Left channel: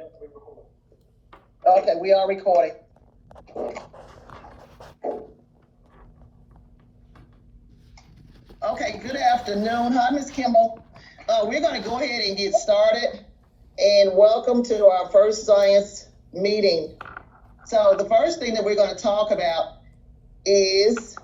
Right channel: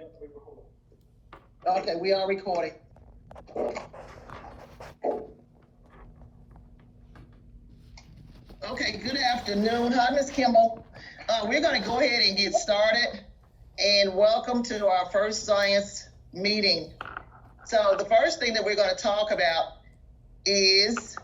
Okay, we are recording. Okay, good afternoon. Hi, Ms. Kimball. We're going to go ahead and get started. And welcome to our first science meeting. So the first thing that we're going to talk about is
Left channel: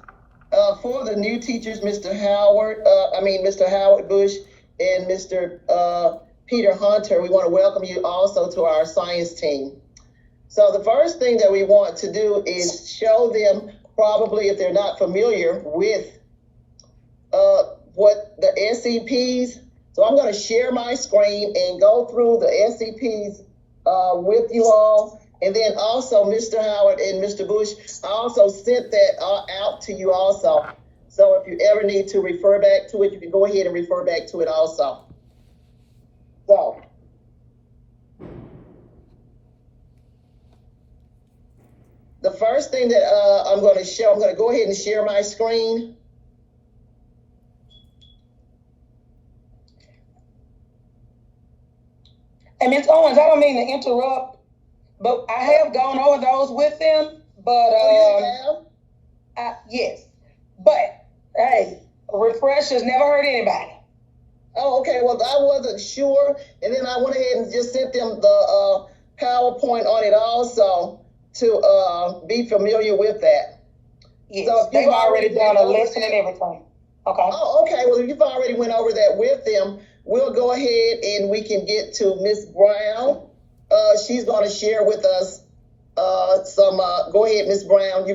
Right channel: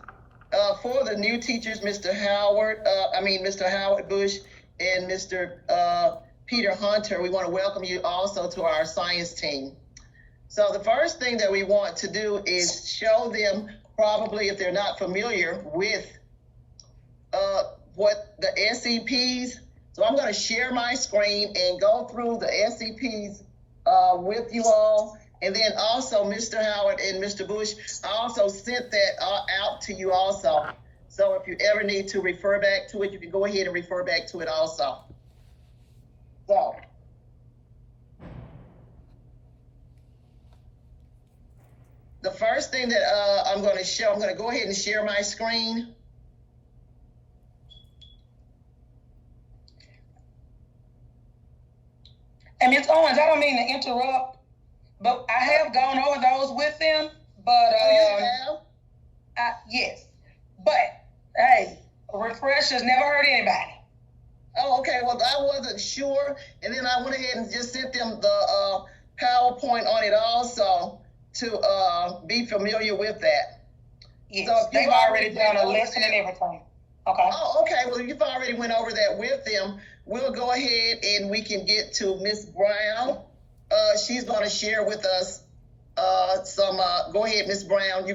for the new teachers, Mr. Howard Bush and Mr. Peter Hunter, we want to welcome you also to our science team. So the first thing that we want to do is show them, probably if they're not familiar with what the SCPs. So I'm going to share my screen and go through the SCPs with you all. And then also Mr. Howard and Mr. Bush, I also sent that out to you also. So if you ever need to refer back to it, you can go ahead and refer back to it also. So the first thing that I'm going to show, I'm going to go ahead and share my screen. And Ms. Owens, I don't mean to interrupt, but I have gone over those with them. But yes, but hey, refreshers never hurt anybody. Oh, okay. Well, I wasn't sure, and then I went ahead and just sent them the PowerPoint on it also to be familiar with that. Yes, so they've already done a lesson and everything. Okay. Oh, okay. Well, if you've already went over that with them, we'll go ahead and we can get to Miss Brown. She's going to share with us some. Go ahead, Miss Brown.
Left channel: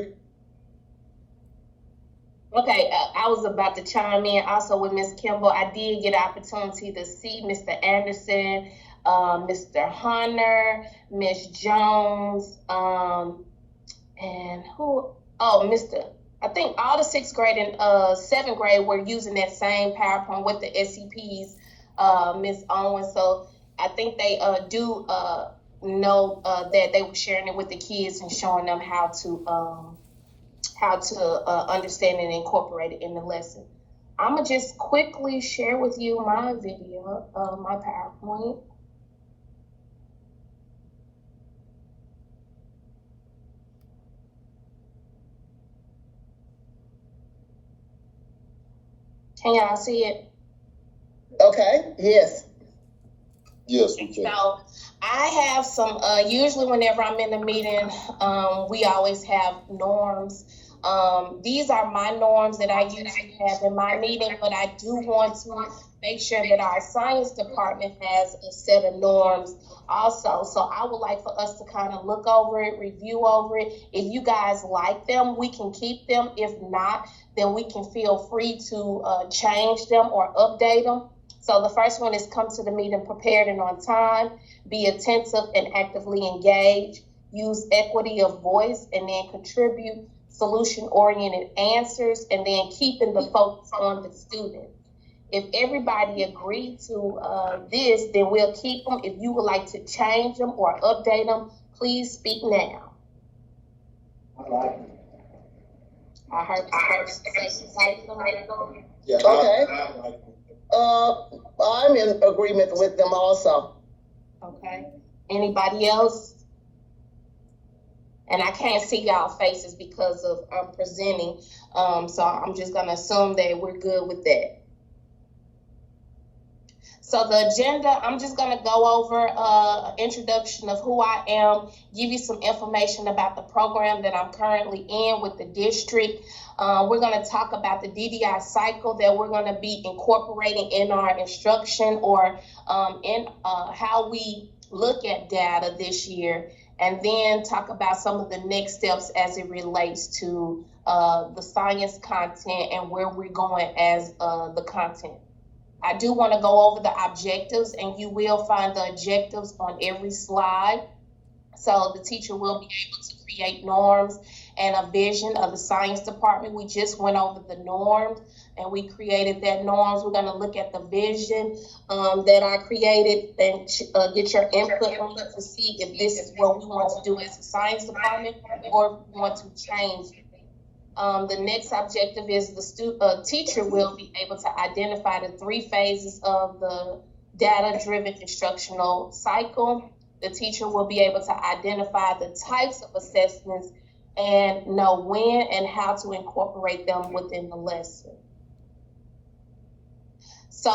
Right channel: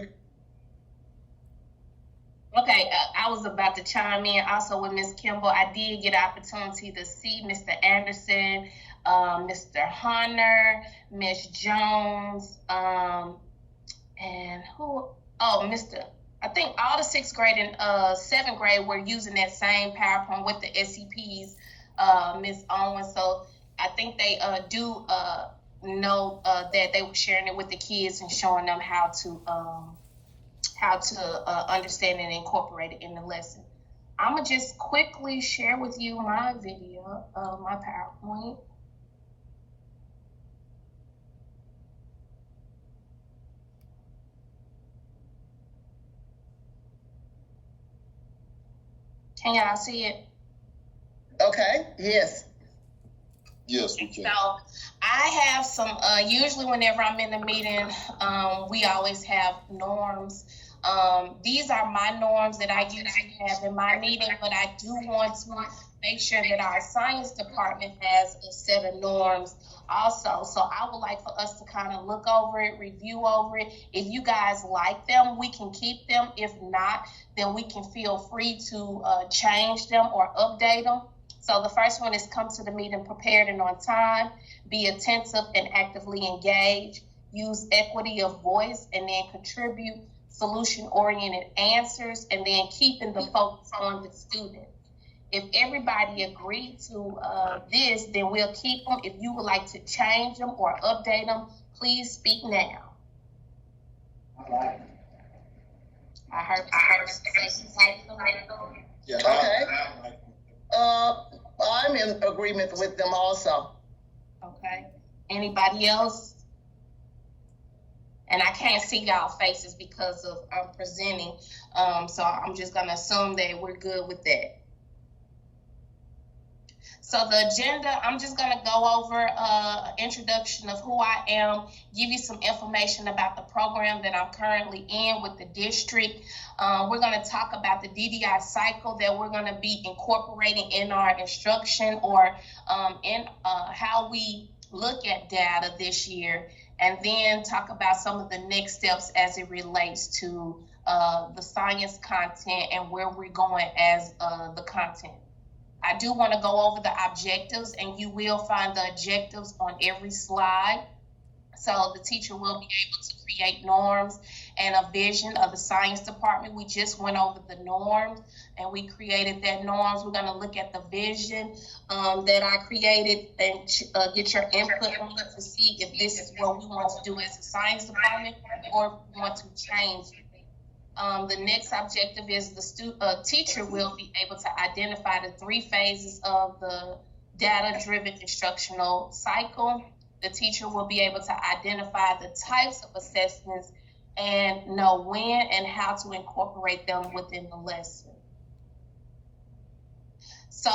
Okay, I was about to chime in also with Ms. Kimball. I did get an opportunity to see Mr. Anderson, Mr. Hunter, Ms. Jones, and who? Oh, I think all the 6th grade and 7th grade were using that same PowerPoint with the SCPs, Ms. Owens. So I think they do know that they were sharing it with the kids and showing them how to understand and incorporate it in the lesson. I'm gonna just quickly share with you my video, my PowerPoint. Can y'all see it? Okay, yes. Yes, we can. So I have some, usually whenever I'm in a meeting, we always have norms. These are my norms that I usually have in my meeting, but I do want to make sure that our science department has a set of norms also. So I would like for us to kind of look over it, review over it. If you guys like them, we can keep them. If not, then we can feel free to change them or update them. So the first one is come to the meeting prepared and on time, be attentive and actively engaged, use equity of voice, and then contribute solution-oriented answers, and then keeping the focus on the student. If everybody agreed to this, then we'll keep them. If you would like to change them or update them, please speak now. I heard. Yeah. Okay. I'm in agreement with them also. Okay. Anybody else? And I can't see y'all faces because of I'm presenting. So I'm just gonna assume that we're good with that. So the agenda, I'm just gonna go over introduction of who I am, give you some information about the program that I'm currently in with the district. We're gonna talk about the DDI cycle that we're gonna be incorporating in our instruction or in how we look at data this year, and then talk about some of the next steps as it relates to the science content and where we're going as the content. I do want to go over the objectives, and you will find the objectives on every slide. So the teacher will be able to create norms and a vision of the science department. We just went over the norms and we created that norms. We're going to look at the vision that I created and get your input on it to see if this is what we want to do as a science department or if we want to change it. The next objective is the teacher will be able to identify the 3 phases of the data-driven instructional cycle. The teacher will be able to identify the types of assessments and know when and how to incorporate them within the lesson. So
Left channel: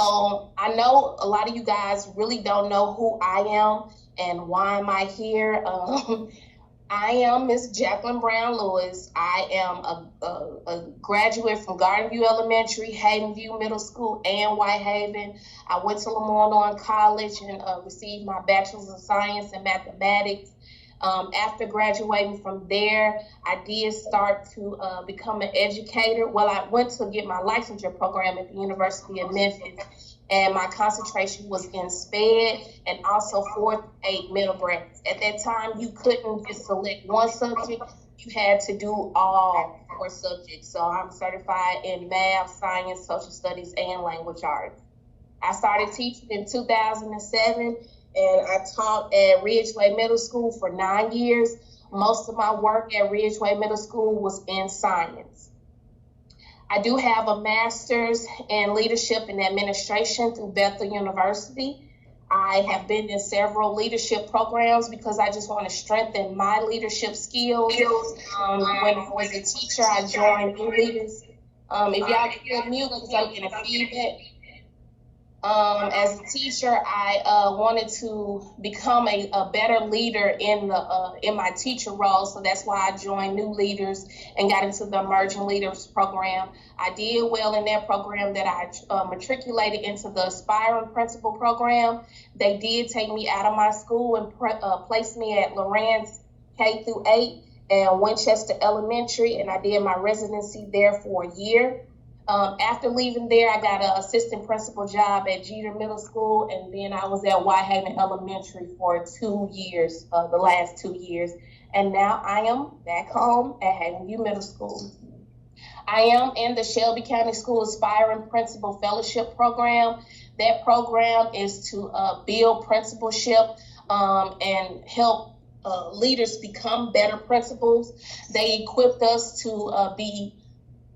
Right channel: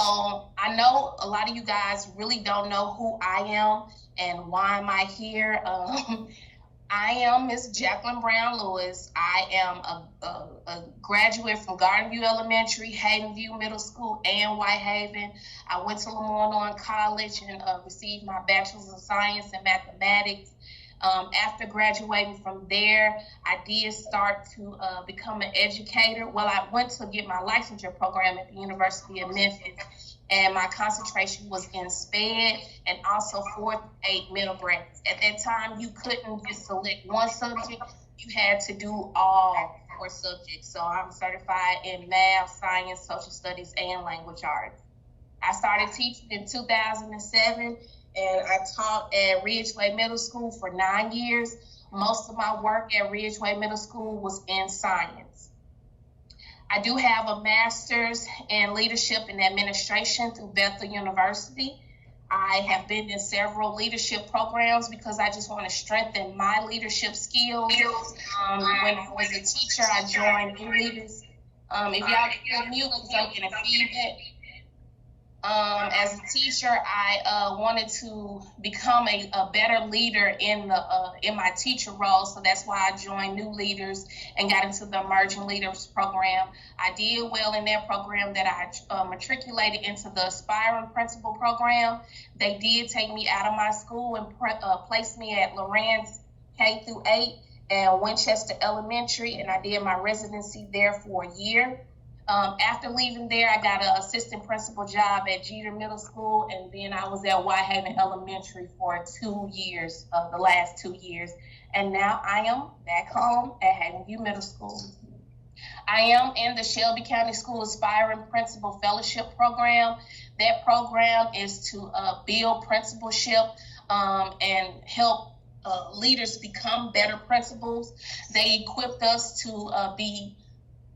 I know a lot of you guys really don't know who I am and why am I here. I am Miss Jacqueline Brown Lewis. I am a graduate from Garden View Elementary, Hayden View Middle School, and Whitehaven. I went to Lamar College and received my Bachelor's of Science in Mathematics. After graduating from there, I did start to become an educator. Well, I went to get my licensure program at the University of Memphis, and my concentration was in SPED and also 4th, 8th middle grades. At that time, you couldn't just select one subject. You had to do all 4 subjects. So I'm certified in math, science, social studies, and language arts. I started teaching in 2007. And I taught at Ridgeway Middle School for 9 years. Most of my work at Ridgeway Middle School was in science. I do have a master's in leadership and administration through Bethel University. I have been in several leadership programs because I just want to strengthen my leadership skills. When I was a teacher, I joined New Leaders. If y'all can hear mute, because I'm getting feedback. As a teacher, I wanted to become a better leader in my teacher role, so that's why I joined New Leaders and got into the Emerging Leaders program. I did well in that program that I matriculated into the Aspiring Principal program. They did take me out of my school and placed me at Lorenz K through 8 and Winchester Elementary, and I did my residency there for a year. After leaving there, I got an assistant principal job at Jeter Middle School, and then I was at Whitehaven Elementary for 2 years, the last 2 years. And now I am back home at Hayden View Middle School. I am in the Shelby County School Aspiring Principal Fellowship Program. That program is to build principalship and help leaders become better principals. They equipped us to be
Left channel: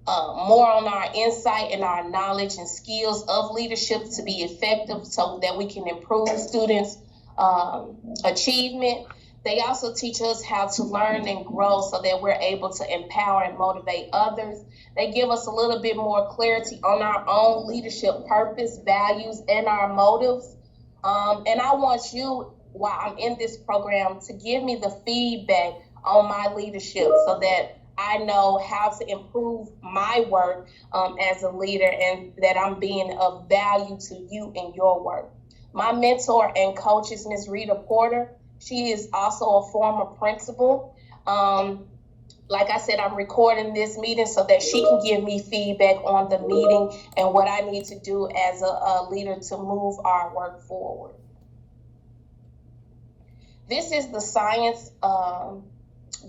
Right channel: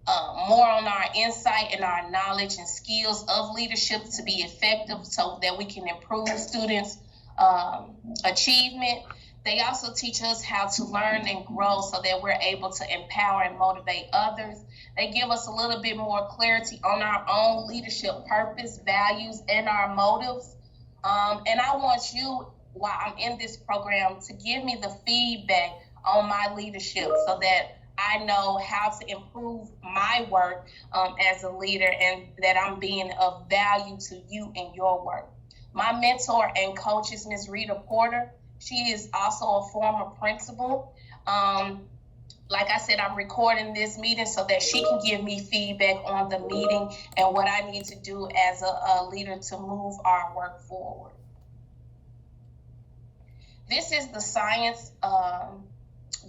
more on our insight and our knowledge and skills of leadership to be effective so that we can improve students' achievement. They also teach us how to learn and grow so that we're able to empower and motivate others. They give us a little bit more clarity on our own leadership purpose, values, and our motives. And I want you, while I'm in this program, to give me the feedback on my leadership so that I know how to improve my work as a leader and that I'm being of value to you in your work. My mentor and coach is Ms. Rita Porter. She is also a former principal. Like I said, I'm recording this meeting so that she can give me feedback on the meeting and what I need to do as a leader to move our work forward. This is the science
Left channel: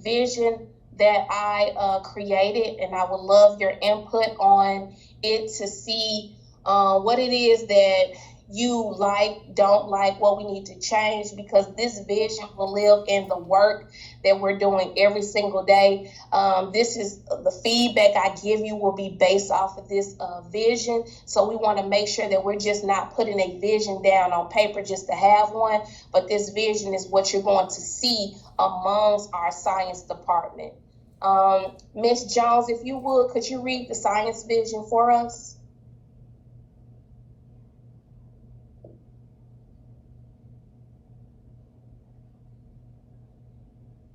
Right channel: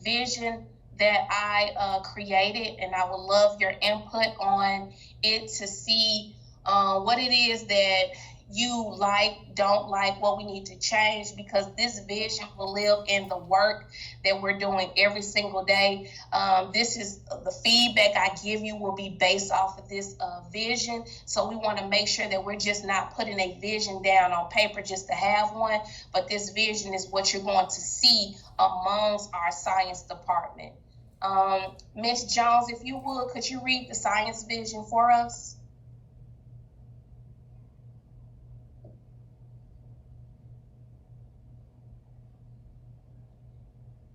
vision that I created, and I would love your input on it to see what it is that you like, don't like, what we need to change, because this vision will live in the work that we're doing every single day. This is the feedback I give you will be based off of this vision. So we want to make sure that we're just not putting a vision down on paper just to have one, but this vision is what you're going to see amongst our science department. Ms. Jones, if you would, could you read the science vision for us?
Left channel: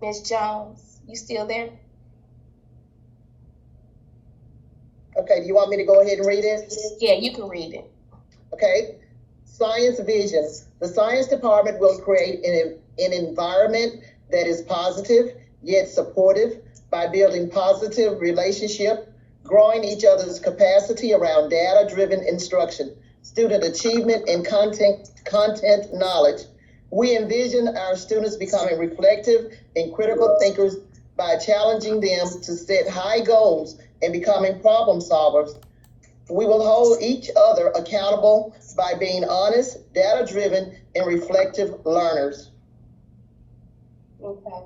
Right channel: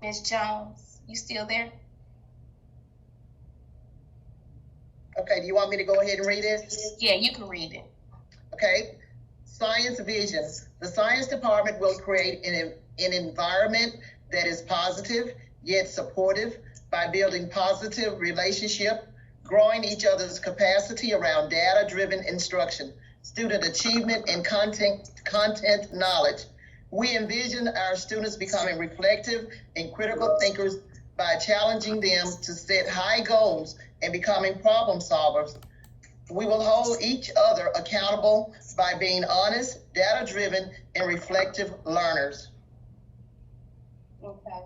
Ms. Jones, you still there? Okay, do you want me to go ahead and read it? Yeah, you can read it. Okay. Science vision. The science department will create an environment that is positive yet supportive by building positive relationship, growing each other's capacity around data-driven instruction, student achievement, and content knowledge. We envision our students becoming reflective and critical thinkers by challenging them to set high goals and becoming problem solvers. We will hold each other accountable by being honest, data-driven, and reflective learners. Okay.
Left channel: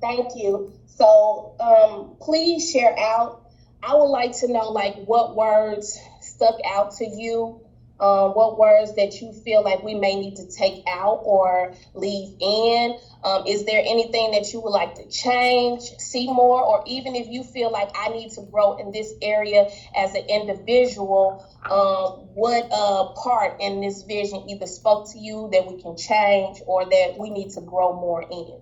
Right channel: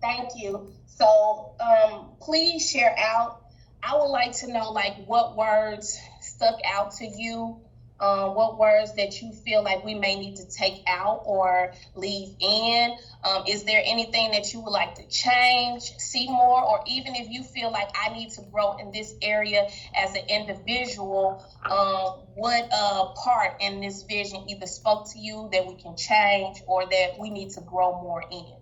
Thank you. So please share out. I would like to know, like, what words stuck out to you what words that you feel like we may need to take out or leave in. Is there anything that you would like to change, see more, or even if you feel like I need to grow in this area as an individual, what part in this vision either spoke to you that we can change or that we need to grow more in?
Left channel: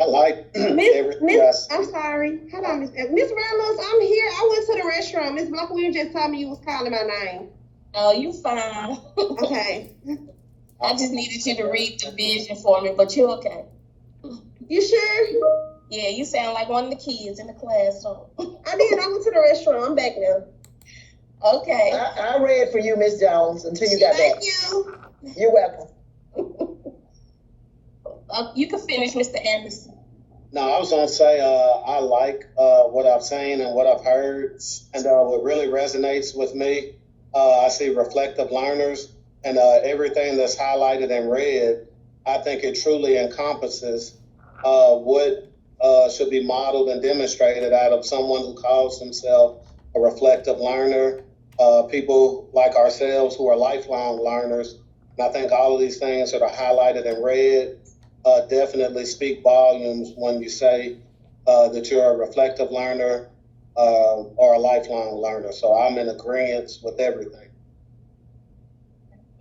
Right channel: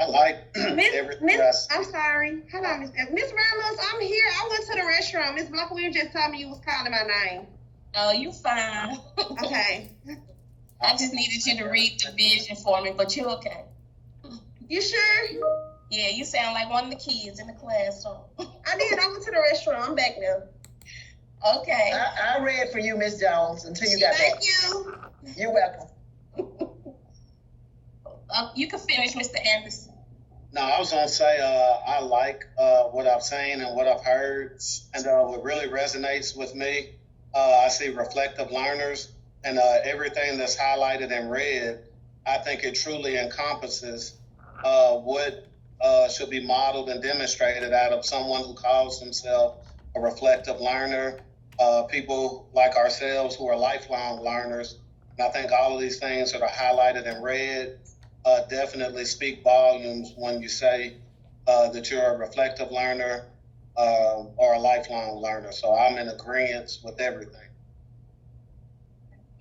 I like I'm sorry. Hold on, Miss Ramos. I'm here. I went to the restroom. Miss Blanca just told me you was calling my name. Oh, you fine. Okay. I just needed you to read the vision for me, but you're okay. You sure? Yeah, you sound like one of the kids in the classroom. I did. I went to the restroom. I'm back now. Okay. I read for you, Miss Jones, until you got back. Thank you. You're welcome. You can finish, Mr. Anderson. No, I was gonna say I like what I've seen and what I've heard, and what really resonates with me. I see reflective learners, and everything that's highlighted in red. I think it truly encompasses what should be modeled and demonstrated out of someone who calls themselves a reflective learner. People like ourselves who are lifelong learners, and I think all of these things that are highlighted in red definitely speak volumes when you say that you're a reflective learner or a lifelong learner. So I'm in agreement with everything.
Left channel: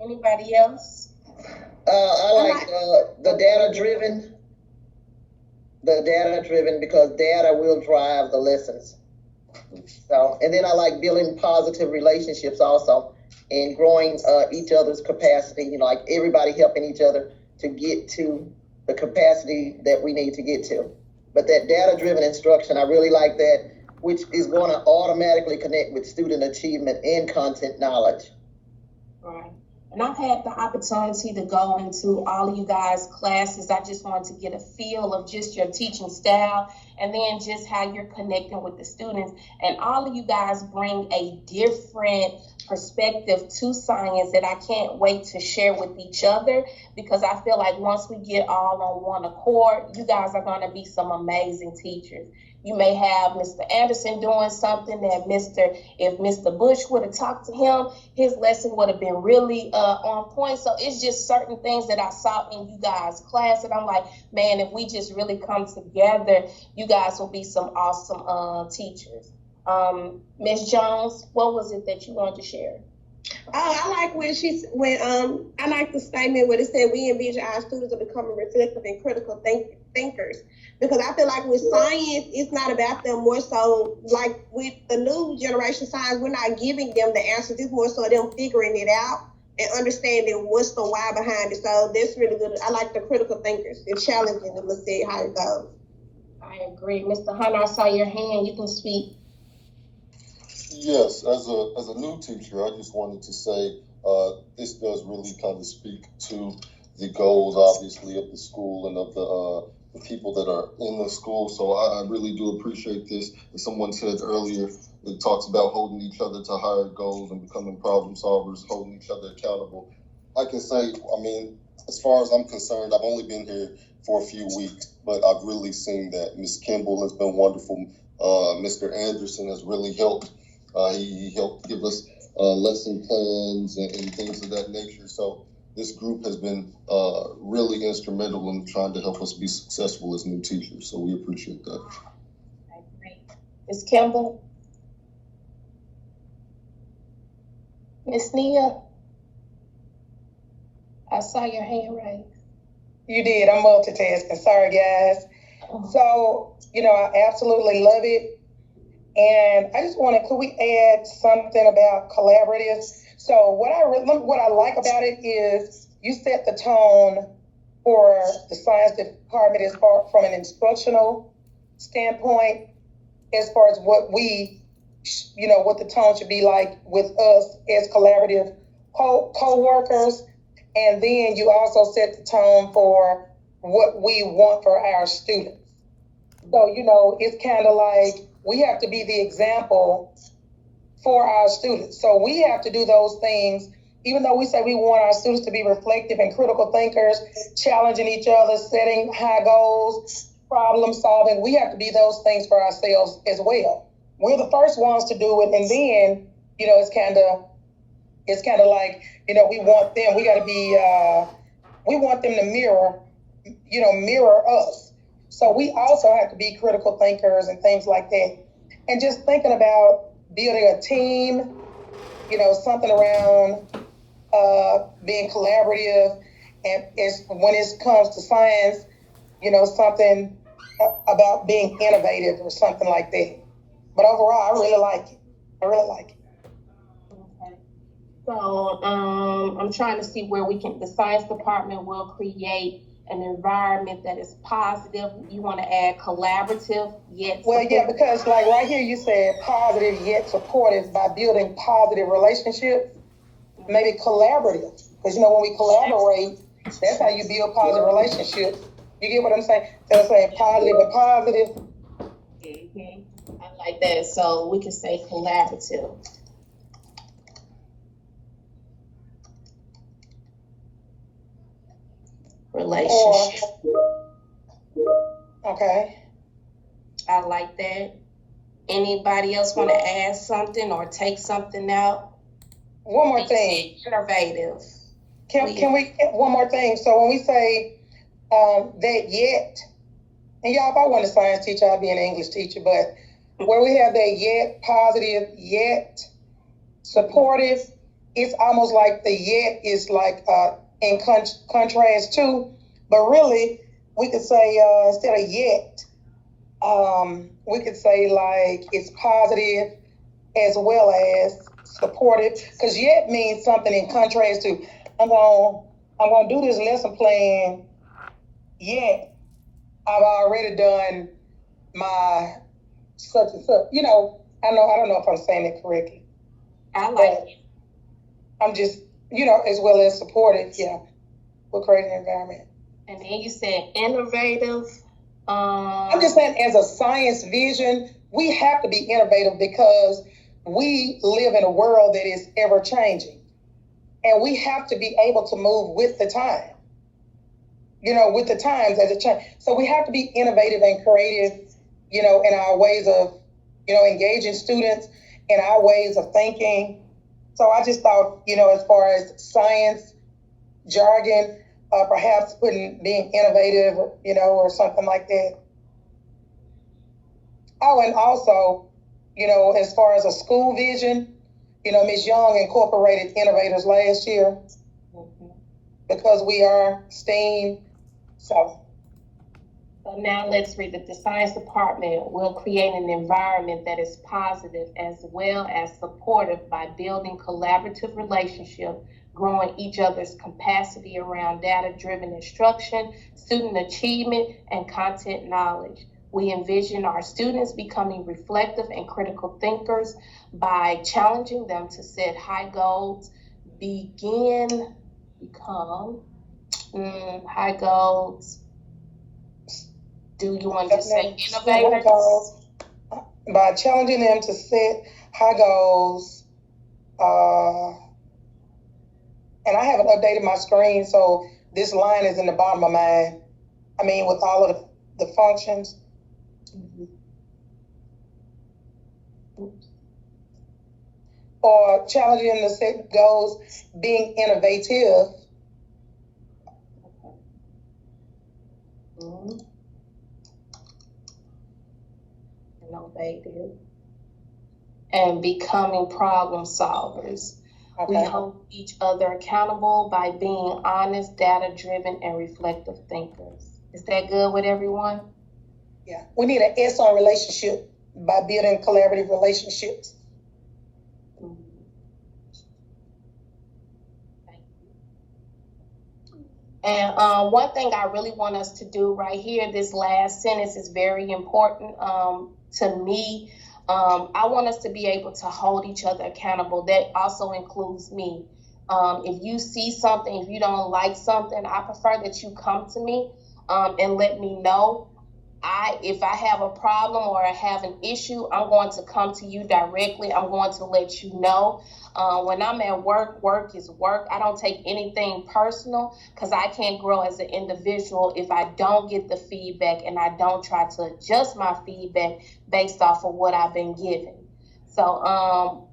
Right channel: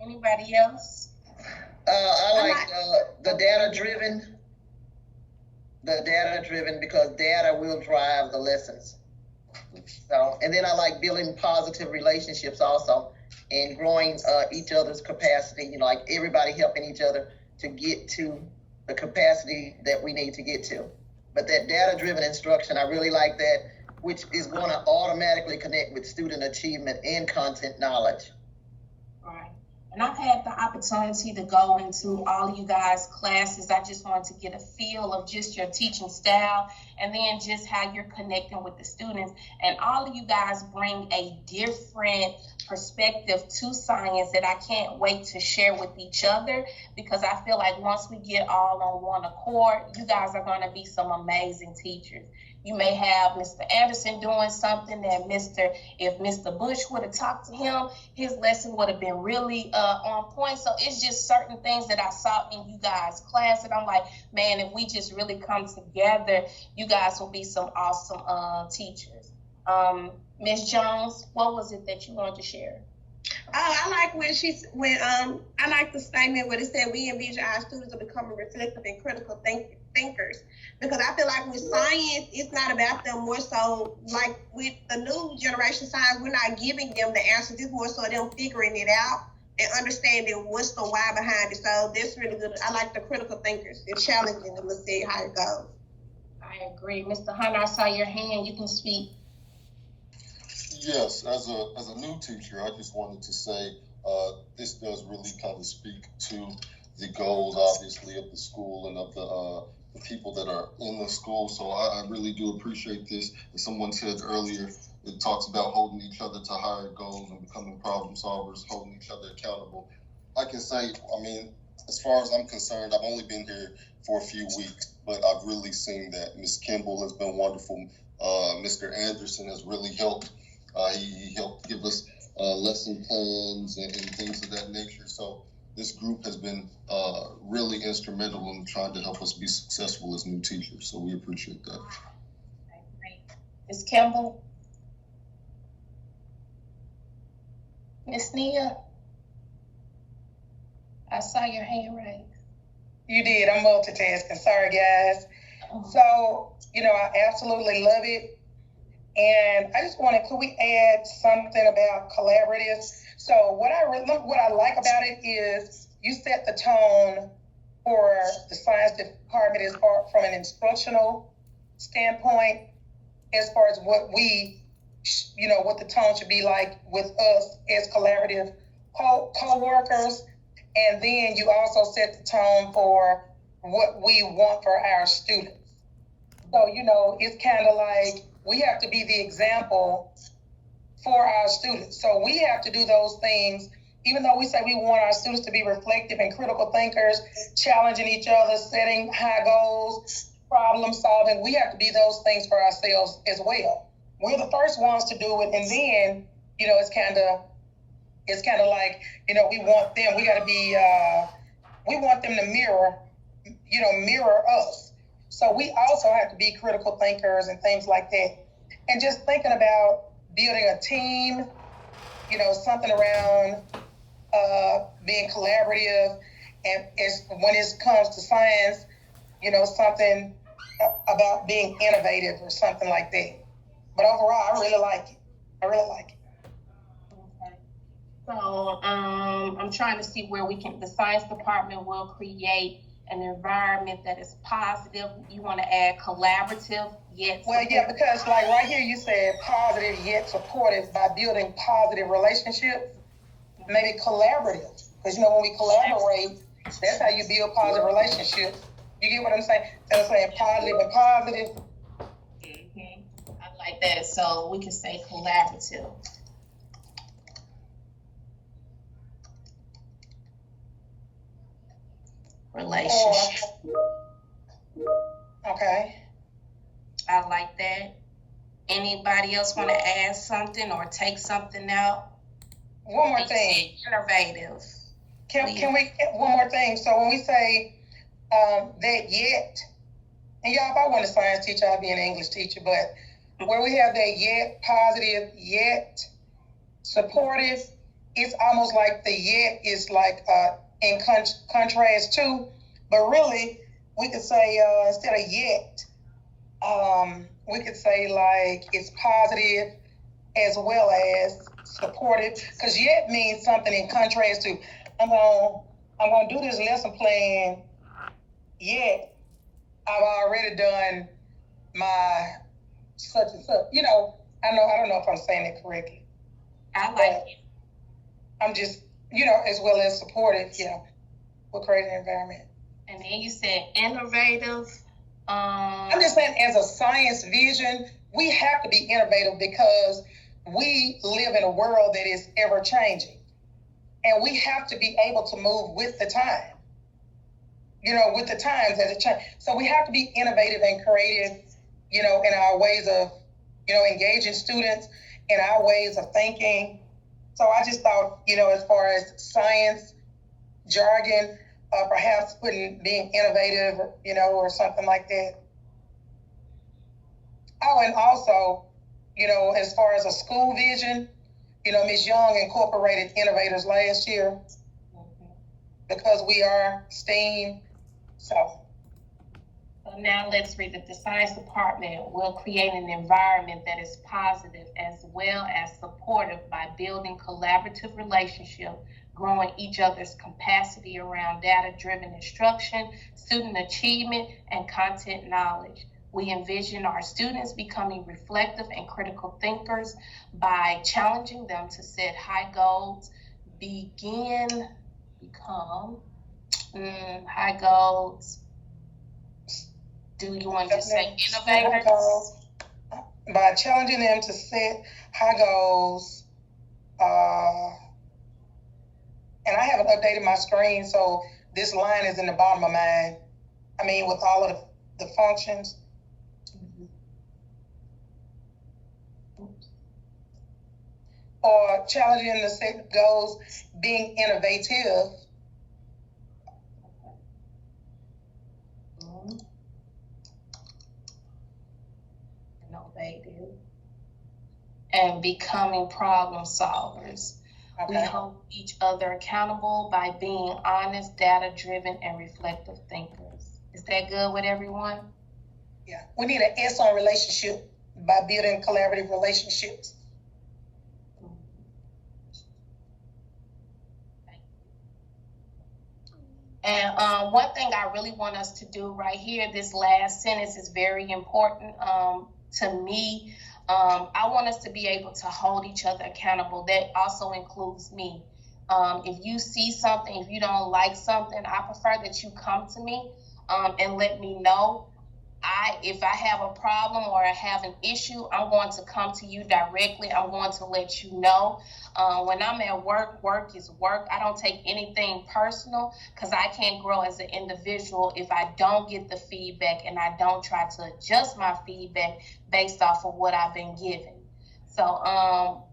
Anybody else? I like the data-driven. The data-driven, because data will drive the lessons. So, and then I like building positive relationships also, and growing each other's capacity. You know, like everybody helping each other to get to the capacity that we need to get to. But that data-driven instruction, I really like that, which is going to automatically connect with student achievement and content knowledge. Right. And I've had the opportunity to go into all of you guys' classes. I just wanted to get a feel of just your teaching style and then just how you're connecting with the students. And all of you guys bring a different perspective to science that I can't wait to share with each other, because I feel like once we get all on one accord, you guys are going to be some amazing teachers. You may have Mr. Anderson doing something that if Mr. Bush would have talked to him, his lesson would have been really on point. So it's just certain things that I saw in you guys' class that I'm like, man, if we just really come together, you guys will be some awesome teachers. Ms. Jones, what was it that you wanted to share? I like I like the statement where it said we envision our students are becoming reflective and critical thinkers, because I feel like with science, it's not about them, more so like with the new generation science, we're not giving them the answers. It's more so them figuring it out and understanding what's the why behind it. So that's really good. I like the critical thinkers. It's challenging, and let's see how it goes. I agree. Mr. Hunter, I saw your hand. You can speak. Yes, as a new teacher, I just wanted to say this does really kind of speak to the goals, obviously, of the school and of the people that are in the school. So I really do appreciate this. As someone said earlier, it talks about holding each other to higher goals and becoming problem solvers, holding each other accountable. I can say, I mean, as far as I'm concerned, I've only been here for a few weeks, but I've really seen that Ms. Kimball has been wonderful. Mr. Anderson has really helped. He helped give us lesson plans and things of that nature. So this group has been really instrumental in trying to help us be successful as new teachers. So we appreciate that. Great. Ms. Kimball? Ms. Nia? I saw your hand raised. You did. I'm multitasking. Sorry, guys. So, I absolutely love it. And I just could we add something about collaboratives? So what I like about it is you set the tone for the science department as far from an instructional standpoint, as far as what what the tone should be like with us as collaborative co-workers. And then you also set the tone for what we want for our students. So, it's kind of like we have to be the example for our students. So we have to do those things, even though we say we want our students to be reflective and critical thinkers, challenging each other, setting high goals, problem solving. We have to be those things for ourselves as well. we're the first ones to do it, and then, you know, it's kind of like, you know, we want them. We got to be. We want them to mirror us. So we also have to be critical thinkers and things like that. And just thinking about building a team, you know, something around being collaborative, and when it comes to science, you know, something about being innovative or something like that. But overall, I really like it. Okay. So I'm trying to see where the science department will create an environment that is positive. You want to add collaborative yet. Well, yeah, because like right here you said positive yet supportive by building positive relationships. Maybe collaborative, because you know when we collaborate, that's how you build positive relationships. You get what I'm saying? So I'm saying positive and positive. Mm-hmm. I like that. So we can say collaborative. Relationship. Okay. I like that. Anybody else want to add something or take something out? One more thing. Innovative. Can we one more thing? So when we say that yet, and y'all, if I wasn't a science teacher, I'd be an English teacher, but where we have that yet positive, yet supportive, it's almost like the yet is like in contrast to, but really we could say instead of yet, we could say like it's positive as well as supportive, because yet means something in contrast to I'm gonna do this lesson plan, yet I've already done my such and such. You know, I don't know if I'm saying it correctly. I like it. I'm just, you know, as well as supportive, yeah. We'll create an environment. And then you said innovative. I'm just saying, as a science vision, we have to be innovative because we live in a world that is ever changing. And we have to be able to move with the time, you know, with the times as it changes. So we have to be innovative and creative, you know, in our ways of, you know, engaging students, in our ways of thinking. So I just thought, you know, as far as science jargon, perhaps being innovative, you know, or something like that. Oh, and also, you know, as far as a school vision, you know, Ms. Young incorporated innovators last year because we are STEAM. So now let's read that the science department will create an environment that is positive as well as supportive by building collaborative relationships, growing each other's capacity around data-driven instruction, student achievement, and content knowledge. We envision our students becoming reflective and critical thinkers by challenging them to set high goals, become high goals. Do you want to say innovators? By challenging them to set high goals, and I haven't updated my screen, so this line is in the bottom of mine. I mean, with all of the functions. Or challenging them to set goals, being innovative. Innovative. And becoming problem solvers. Okay. We hold each other accountable by being honest, data-driven, and reflective thinkers. Is that good with everyone? Yeah. We need an S on relationship by building collaborative relationships. And one thing I really want us to do right here, this last sentence is very important to me. I want us to be able to hold each other accountable. That also includes me. If you see something, if you don't like something, I prefer that you come to me and let me know. if I have a problem or I have an issue, I'm going to come to you directly. I'm going to let you know. When I'm at work, work is work. I don't take anything personal because I can't grow as an individual if I don't get the feedback and I don't try to adjust my feedback based off of what I've been given. So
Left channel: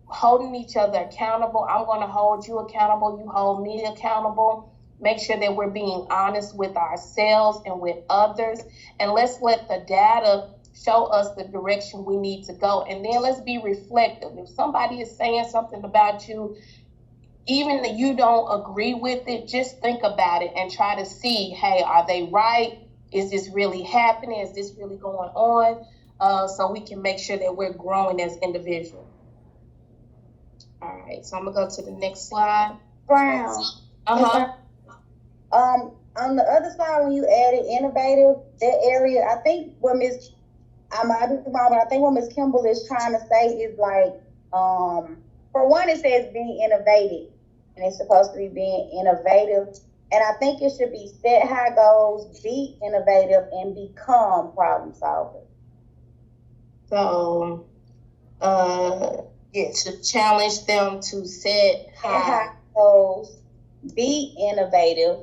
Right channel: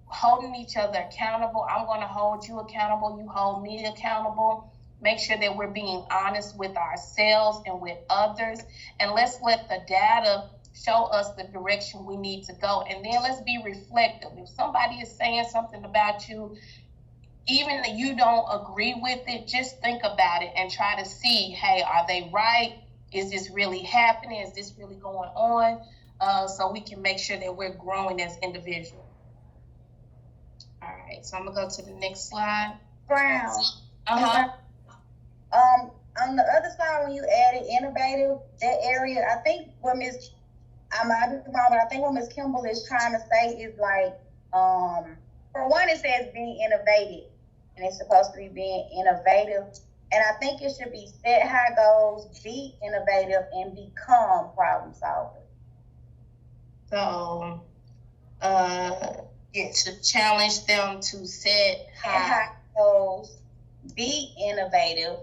holding each other accountable, I'm going to hold you accountable. You hold me accountable. Make sure that we're being honest with ourselves and with others. And let's let the data show us the direction we need to go. And then let's be reflective. If somebody is saying something about you, even if you don't agree with it, just think about it and try to see, hey, are they right? Is this really happening? Is this really going on? So we can make sure that we're growing as individuals. All right, so I'm gonna go to the next slide. Brown. Uh-huh. On the other side, when you added innovative, that area, I think what I might be wrong, but I think what Ms. Kimball is trying to say is like, for one, it says being innovative, and it's supposed to be being innovative. And I think it should be set high goals, be innovative, and become problem solvers. So, Yes. to challenge them to set high. Goals, be innovative.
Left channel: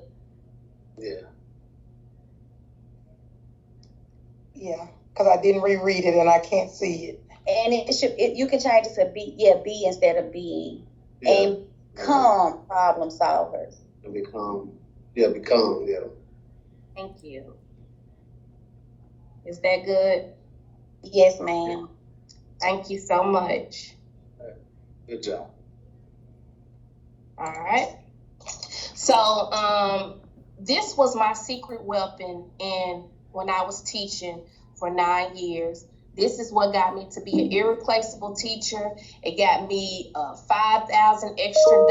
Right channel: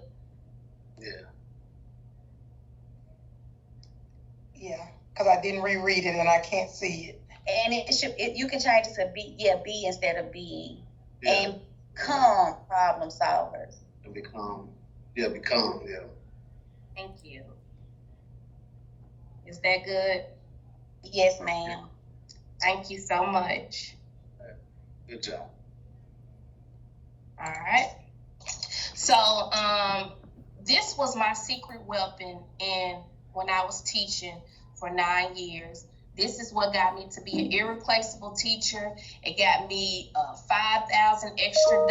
Yeah, because I didn't reread it and I can't see it. And you can change it to be instead of being. And become problem solvers. Become. Thank you. Is that good? Yes, ma'am. Thank you so much. Good job. All right. So, this was my secret weapon when I was teaching for 9 years. This is what got me to be an irreplaceable teacher. It got me $5,000 extra.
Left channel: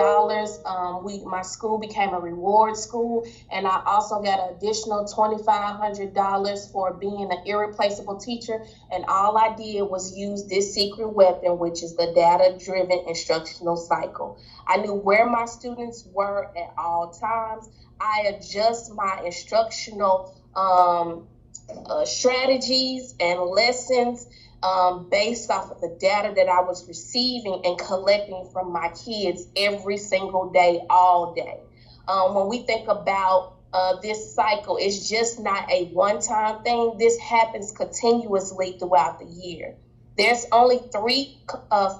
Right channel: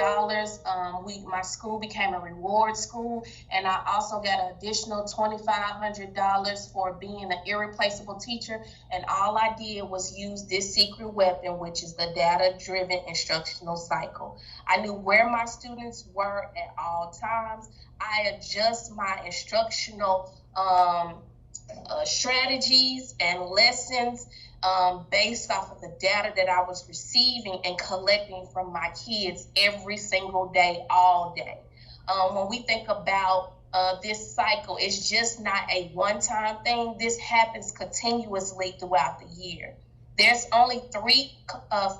My school became a reward school, and I also got an additional $2,500 for being an irreplaceable teacher. And all I did was use this secret weapon, which is the data-driven instructional cycle. I knew where my students were at all times. I adjust my instructional strategies and lessons based off of the data that I was receiving and collecting from my kids every single day, all day. When we think about this cycle, it's just not a one-time thing. This happens continuously throughout the year. There's only 3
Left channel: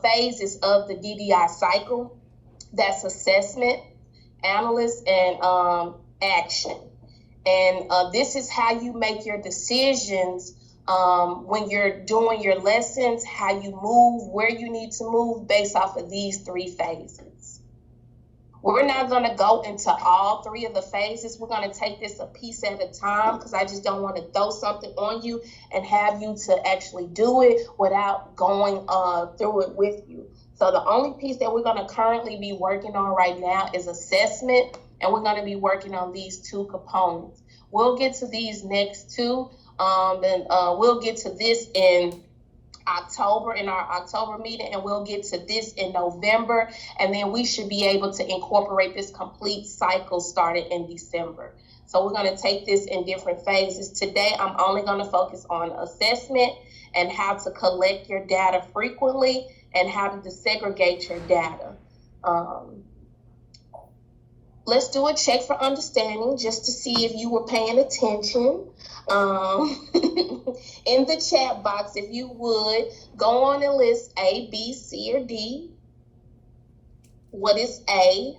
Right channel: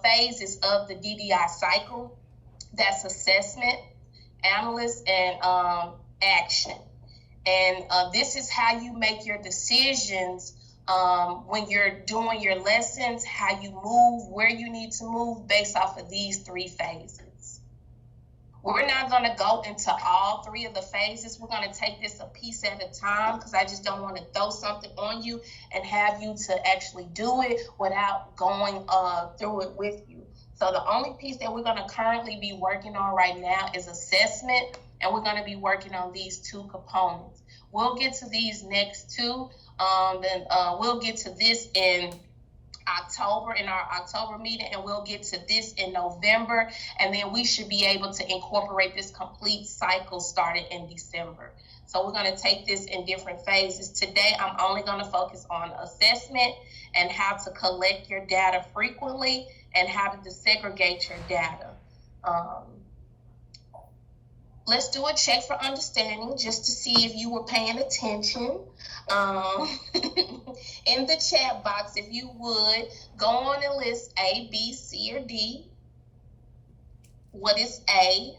phases of the DDI cycle. That's assessment, analysis, and action. And this is how you make your decisions when you're doing your lessons, how you move, where you need to move based off of these 3 phases. We're not going to go into all 3 of the phases. We're going to take this a piece at a time because I just don't want to throw something on you and have you to actually do it without going through it with you. So the only piece that we're going to currently be working on right now is assessment, and we're going to be working on these 2 components. We'll get to these next 2. Then we'll get to this in October, in our October meeting, and we'll get to this in November, and then we should be able to incorporate this complete cycle starting in December. So we're going to take this in different phases. Today, I'm only going to focus on assessment and how to collect your data frequently and how to desegregate your data. Let's do a check for understanding just to see if you were paying attention. In the chat box, if you would, go on and list A, B, C, or D. What is A?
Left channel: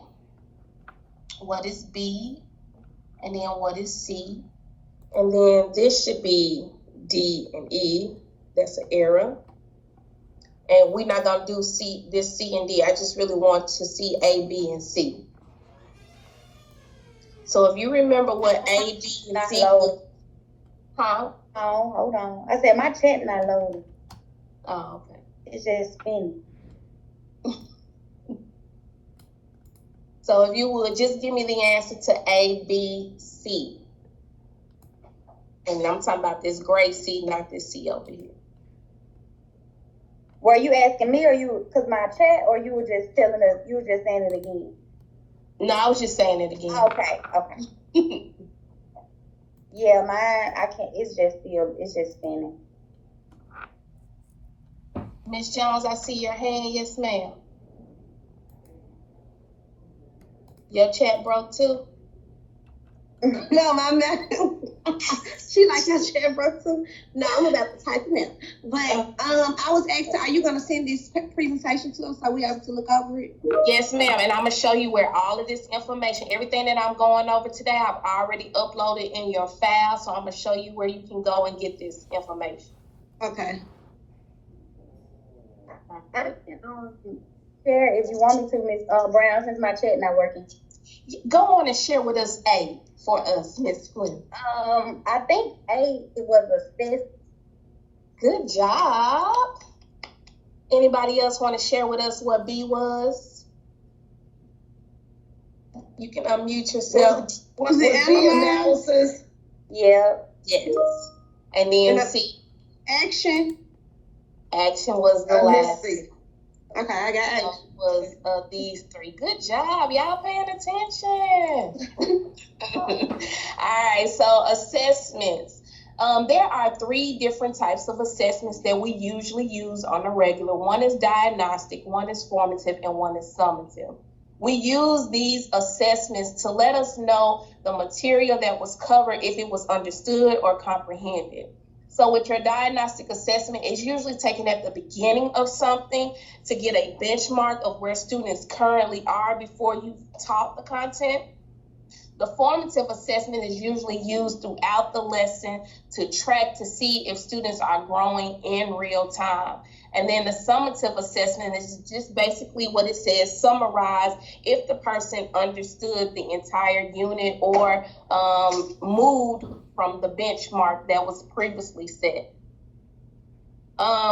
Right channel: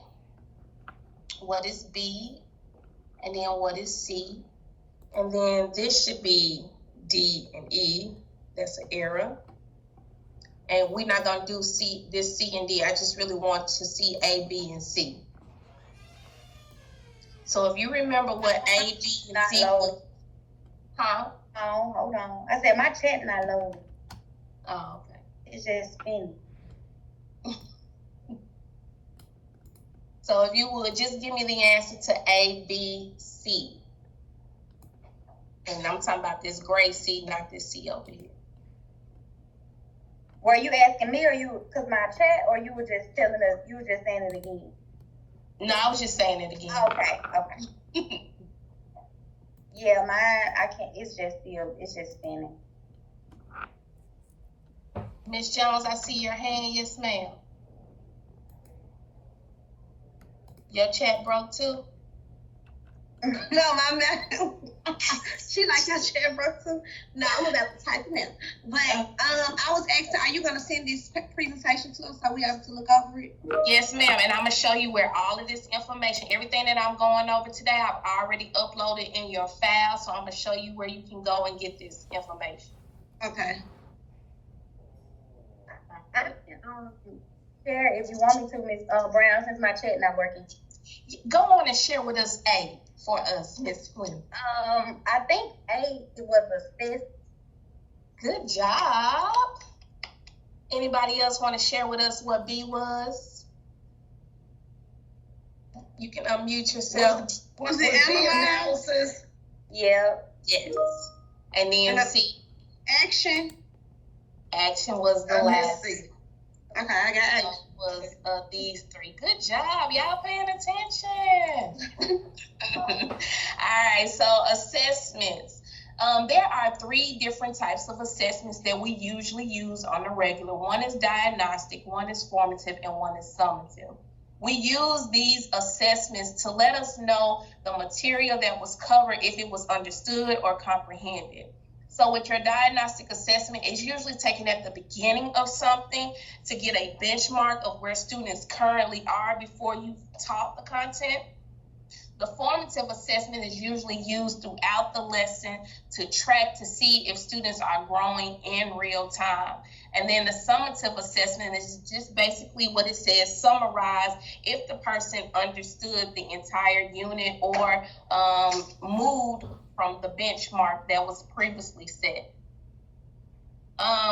What is B? And then what is C? And then this should be D and E. That's an error. And we're not going to do C and D. I just really want to see A, B, and C. So if you remember what A, B, and C was, huh? Oh, hold on. I said my chat not loading. Oh, okay. It's just spinning. So if you would just give me the answer to A, B, C. And I'm talking about this gray C, not this C over here. Were you asking me, or because my chat, or you were just you were just saying it again? No, I was just saying it again. Okay. Yeah, mine, I can't, it's just spinning. Miss Jones, I see your hand. Yes, ma'am. Your chat broke too? No, my man. She like your chair broke too. No, I'm about to type it now. But I was asking, are you gonna send this presentation to us so we able to look over it? Yes, ma'am. And I'm gonna show you where all of this information, everything that I'm going over today, I've already uploaded in your file. So I'm gonna show you where you can go and get this information. Okay. I can share if you want me to, Miss Brown, since my chat not working. Go on and share with us A for us, Miss Flynn. I think A, it was assessed. Good job. Anybody else want to share with us what B was? You can unmute yourself. Was it analysis? Yeah. Yes. And then And C. Action. Action was the I last. missed C. Okay, I got So action. it was these three. Good job. Y'all paying attention. All right. So assessments. There are three different types of assessments that we usually use on a regular. One is diagnostic, one is formative, and one is summative. We use these assessments to let us know the material that was covered, if it was understood or comprehended. So with your diagnostic assessment, it's usually taken at the beginning of something to get a benchmark of where students currently are before you taught the content. The formative assessment is usually used throughout the lesson to track to see if students are growing in real time. And then the summative assessment is just basically what it says, summarize if the person understood the entire unit or moved from the benchmark that was previously set.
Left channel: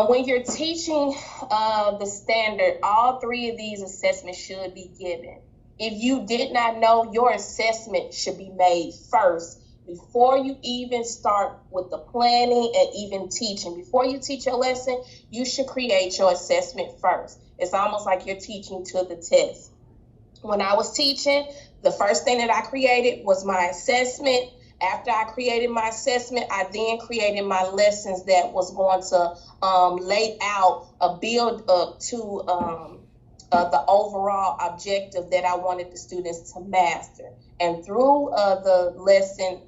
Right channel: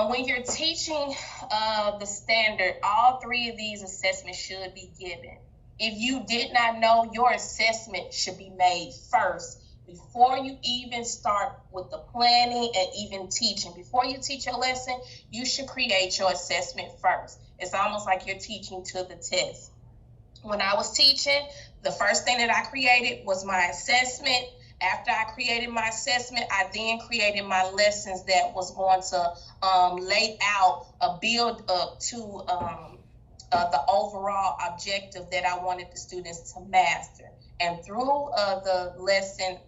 When you're teaching the standard, all three of these assessments should be given. If you did not know, your assessment should be made first before you even start with the planning and even teaching. Before you teach your lesson, you should create your assessment first. It's almost like you're teaching to the test. When I was teaching, the first thing that I created was my assessment. After I created my assessment, I then created my lessons that was going to lay out a build up to the overall objective that I wanted the students to master. And through the lesson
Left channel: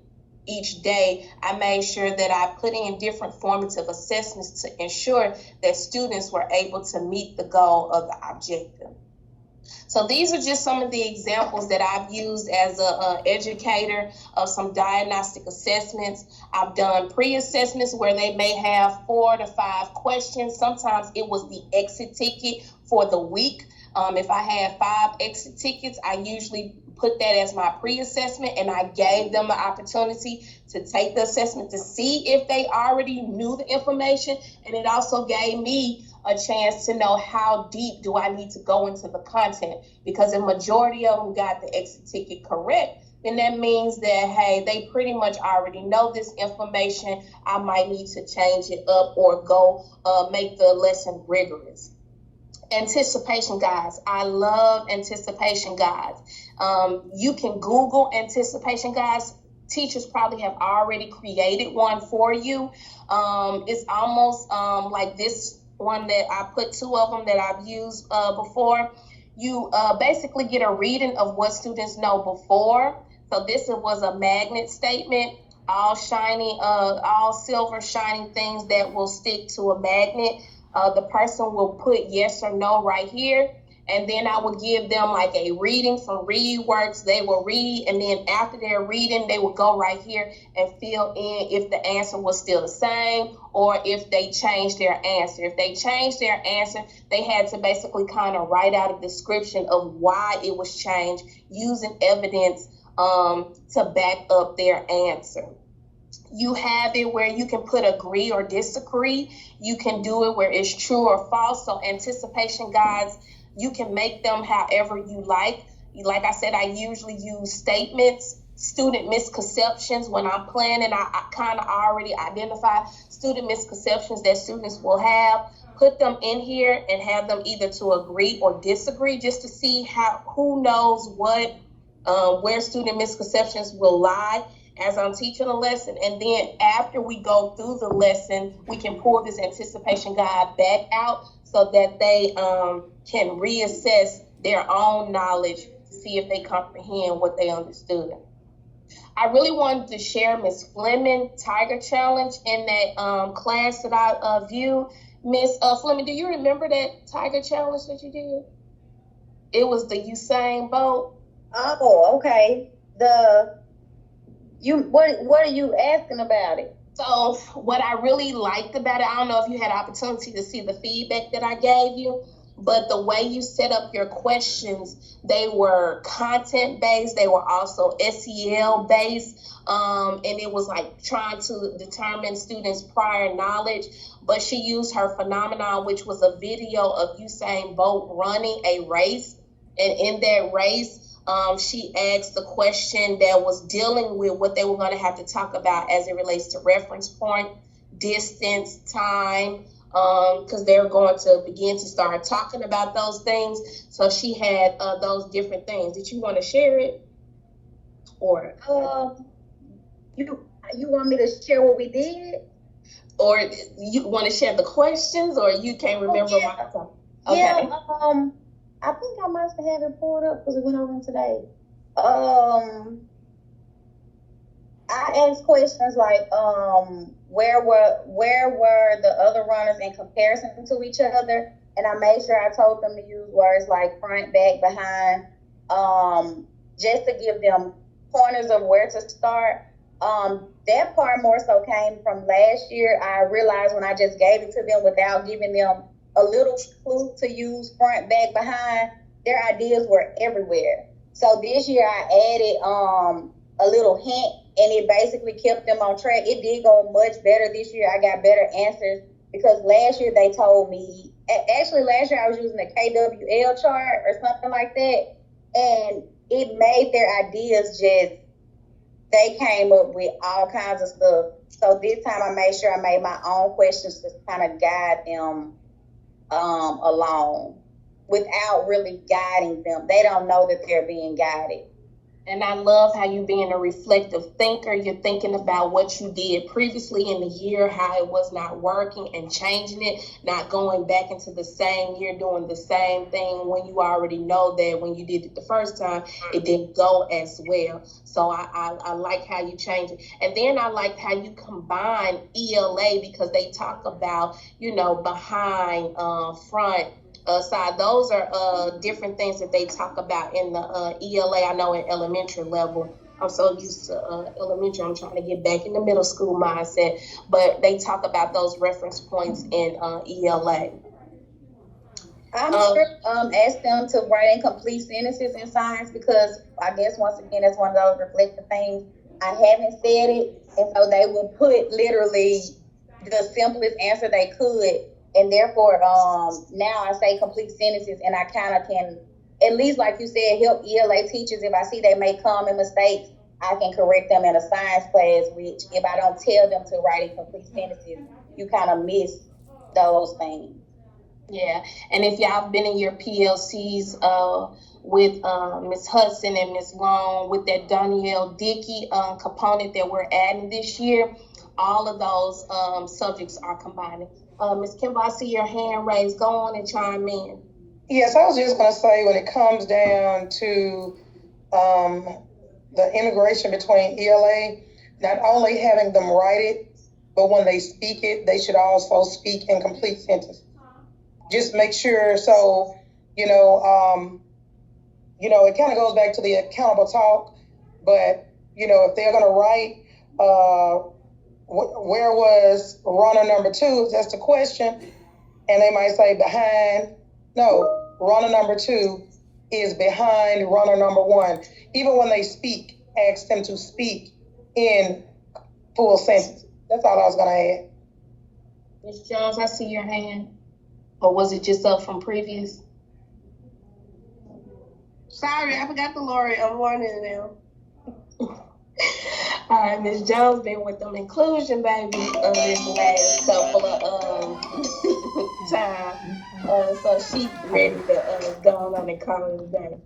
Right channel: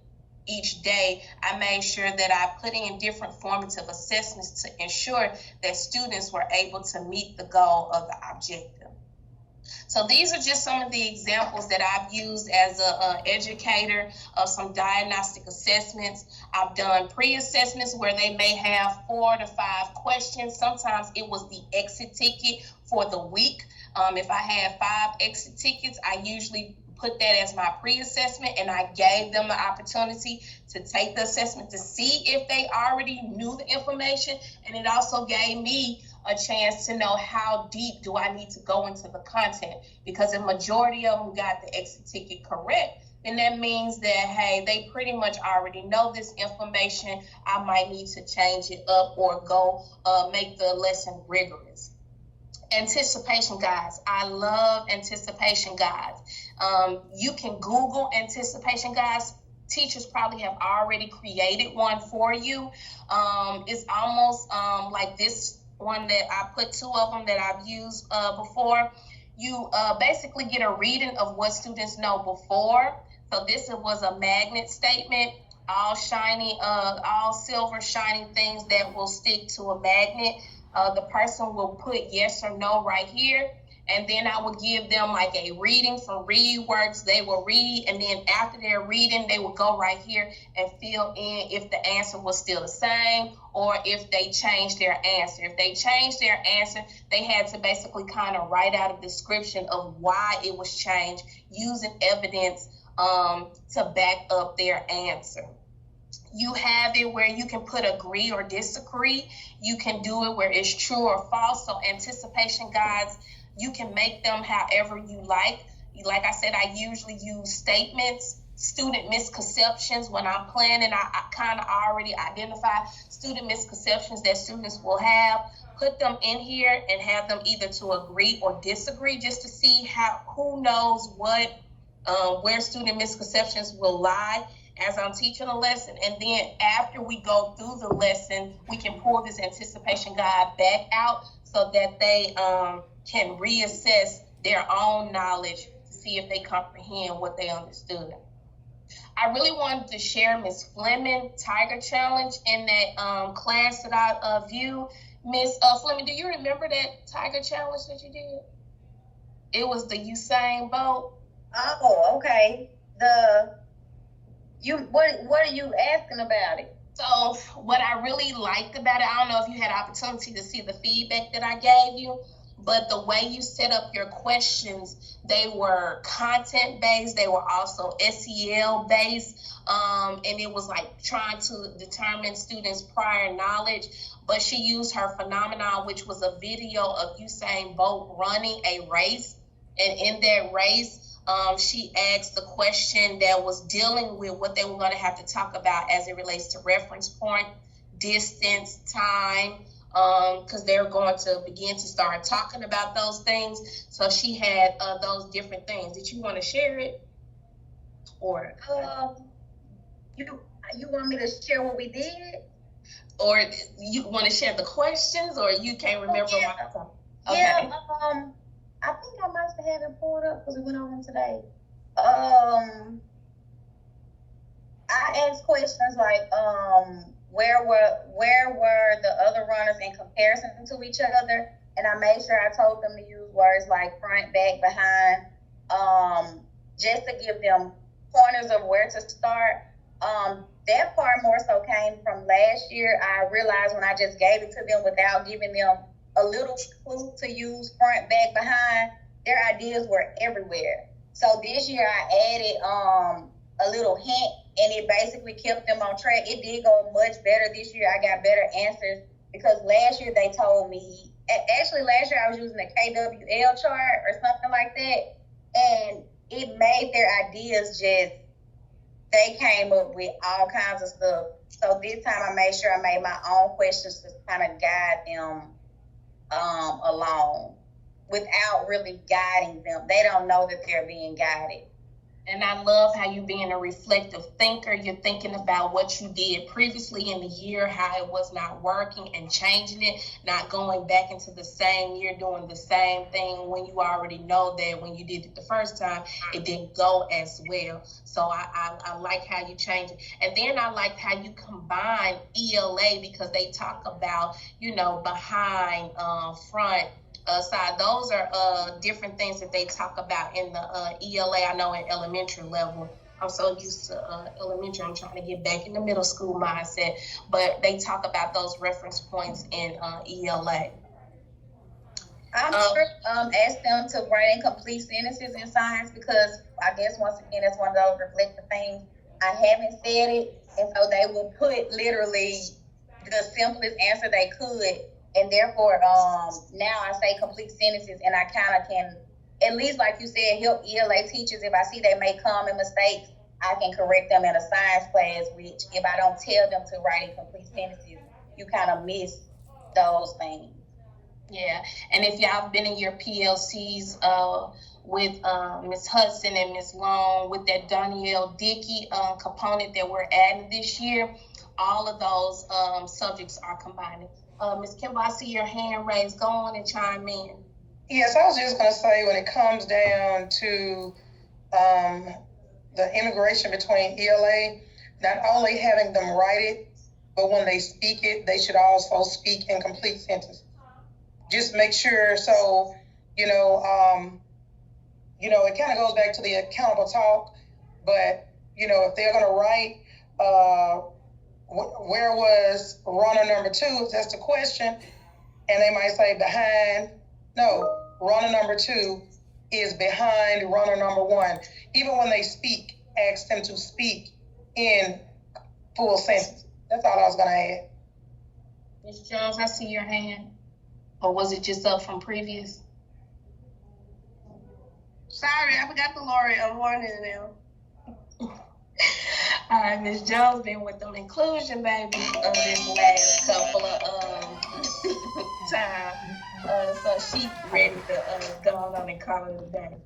each day, I made sure that I put in different formative assessments to ensure that students were able to meet the goal of the objective. So these are just some of the examples that I've used as an educator of some diagnostic assessments. I've done pre-assessments where they may have 4 to 5 questions. Sometimes it was the exit ticket for the week. If I had 5 exit tickets, I usually put that as my pre-assessment, and I gave them the opportunity to take the assessment to see if they already knew the information. And it also gave me a chance to know how deep do I need to go into the content, because the majority of them got the exit ticket correct. Then that means that, hey, they pretty much already know this information. I might need to change it up or go make the lesson rigorous. Anticipation guides. I love anticipation guides. You can Google anticipation guides. Teachers probably have already created one for you. It's almost like this one that I put 2 of them that I've used before. You basically get a reading of what students know before. So this was a magnet statement, all shiny, all silver shining things that will stick to a magnet. The person will put yes or no right here. And then I will give them like a reading from ReadWorks. They will read, and then after their reading, they will go right here and fill in if the answer was still the same or if they changed their answer. If they changed their answer, they had to basically kind of write out a description of why it was changed using evidence to back up their answer. You have it where you can put agree or disagree. You can do it where it's true or false. So anticipation guides, you can make them however you like. Like I said, I usually use statements, student misconceptions. When I'm planning, I kind of already identify student misconceptions that students will have. Put them in here and have them either to agree or disagree, just to see who knows what, where student misconceptions will lie. as I'm teaching a lesson, and then after we go through the lesson, we can pull this anticipation guide back out so that they can reassess their own knowledge to see if they comprehend what they understood. I really wanted to share Miss Fleming Tiger Challenge in that class that I viewed. Miss Fleming, do you remember that Tiger Challenge that you did? It was the Usain Bolt. Oh, okay. What are you asking about it? So what I really liked about it, I don't know if you had opportunity to see the feedback that I gave you, but the way you set up your questions, they were content-based, they were also SEL-based, and it was like trying to determine students' prior knowledge. But she used her phenomenon, which was a video of Usain Bolt running a race, and in that race, she asked the question that was dealing with what they were going to have to talk about as it relates to reference point, distance, time, because they're going to begin to start talking about those things. So she had those different things. Did you want to share it? Or you want me to share what we did? Or you want to share the questions, or you can't remember yeah. what I thought? Okay. Yeah, I think I must have it pulled up because it went over today. I asked questions like, where were the other runners in comparison to each other? And I made sure I told them to use words like front, back, behind, just to give them pointers of where to start. That part more so came from last year. I realized when I just gave it to them without giving them a little clue to use front, back, behind, their ideas were everywhere. So this year I added a little hint, and it basically kept them on track. It did go much better this year. I got better answers because last year they told me, actually last year I was using a KWL chart or something like that, and it made their ideas just, they came up with all kinds of stuff. So this time I made sure I made my own questions to kind of guide them along without really guiding them. They don't know that they're being guided. And I love how you being a reflective thinker. You're thinking about what you did previously in the year, how it was not working, and changing it, not going back into the same year doing the same thing when you already know that when you did it the first time, it didn't go as well. So I like how you change it. And then I like how you combine ELA, because they talk about, behind, front, side. Those are different things that they talk about in the ELA. I know in elementary level, I'm so used to elementary, I'm trying to get back in the middle school mindset, but they talk about those reference points in ELA. I'm sure ask them to write in complete sentences in science, because I guess once again that's one of those reflective things. I haven't said it, and so they will put literally the simplest answer they could. And therefore, now I say complete sentences, and I kind of can, at least like you said, help ELA teachers. If I see they make common mistakes, I can correct them in a science class, which if I don't tell them to write in complete sentences, you kind of miss those things. Yeah, and if y'all been in your PLCs with Ms. Hudson and Ms. Long with that Danielle Dickey component that we're adding this year, all of those subjects are combining. Ms. Kimball, I see your hand raised. Go on and chime in. Yes, I was just going to say, when it comes down to the integration between ELA, not only having them write it, but when they speak it, they should also speak in complete sentences. Just make sure, so, it kind of goes back to the accountable talk, but, if they're going to write, where was runner number 2? That's the question. And they might say behind. No, runner number 2 is behind runner number 1. Even when they speak, ask them to speak in full sentences. That's all I was going to add. Ms. Jones, I see your hand. Or was it just up from previous? Sorry, I forgot the Lori. I'm warning them. All right, Ms. Jones been with them inclusion baby this last couple of time. So she ready to go on and call it a day.